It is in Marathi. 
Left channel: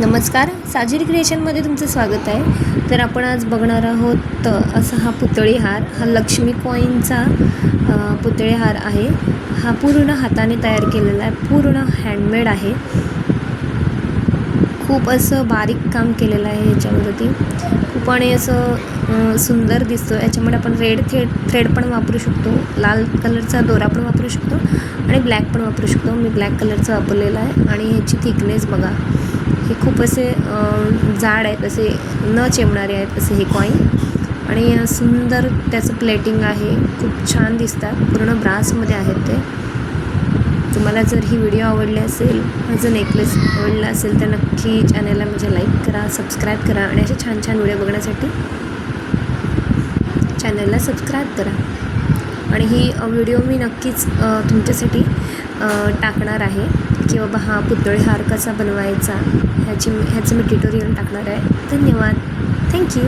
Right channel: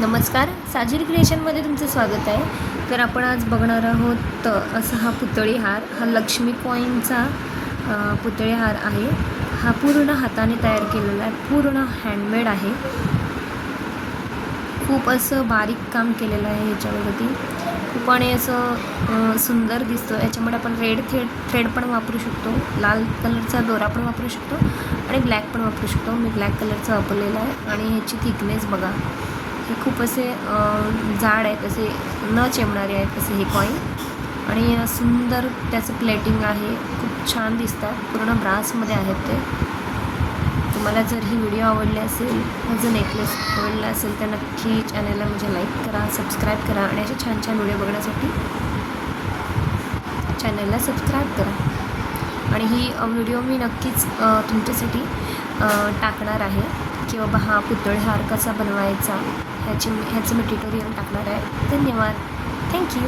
नमस्कार, साजिर क्रिएशनमध्ये तुमचं स्वागत आहे। तर आपण आज बघणार आहोत असा हा पुतळी हार। हा लक्ष्मी कॉईनचा पुतळे हार आहे। हा पूर्ण हाताने तयार केलेला आहे, पूर्ण हँडमेड आहे। खूप असं बारीक काम केलेलं आहे याच्यावरती। खूप आणि असं सुंदर दिसतो। याच्यामध्ये आपण रेड थ्रेड पण वापरू शकतो, लाल कलरचा दोरा पण वापरू शकतो आणि ब्लॅक पण वापरू शकतो। मी ब्लॅक कलरचा वापरलेला आहे आणि ह्याची थिकनेस बघा, हे खूप असे जाड आहेत, असे न चिमणारे आहेत असे हे कॉईन। आणि सुंदर त्याचं प्लेटिंग आहे, खूप छान दिसतात, पूर्ण ब्रासमध्ये आहेत ते। तुम्हाला जर ही व्हिडिओ आवडली असेल, माझं नेकलेस आवडला असेल तर नक्की चॅनलला माझ्या लाईक करा, सबस्क्राईब करा आणि असे छान छान व्हिडिओ बघण्यासाठी चॅनलला सबस्क्राईब करा। आणि ही व्हिडिओ मी नक्कीच तुमच्यासाठी टाकणार आहे की बाबा हा पुतळे हार कसा बनवायचा ह्याचं मी ट्युटोरियल टाकणार आहे। धन्यवाद, थँक्यू।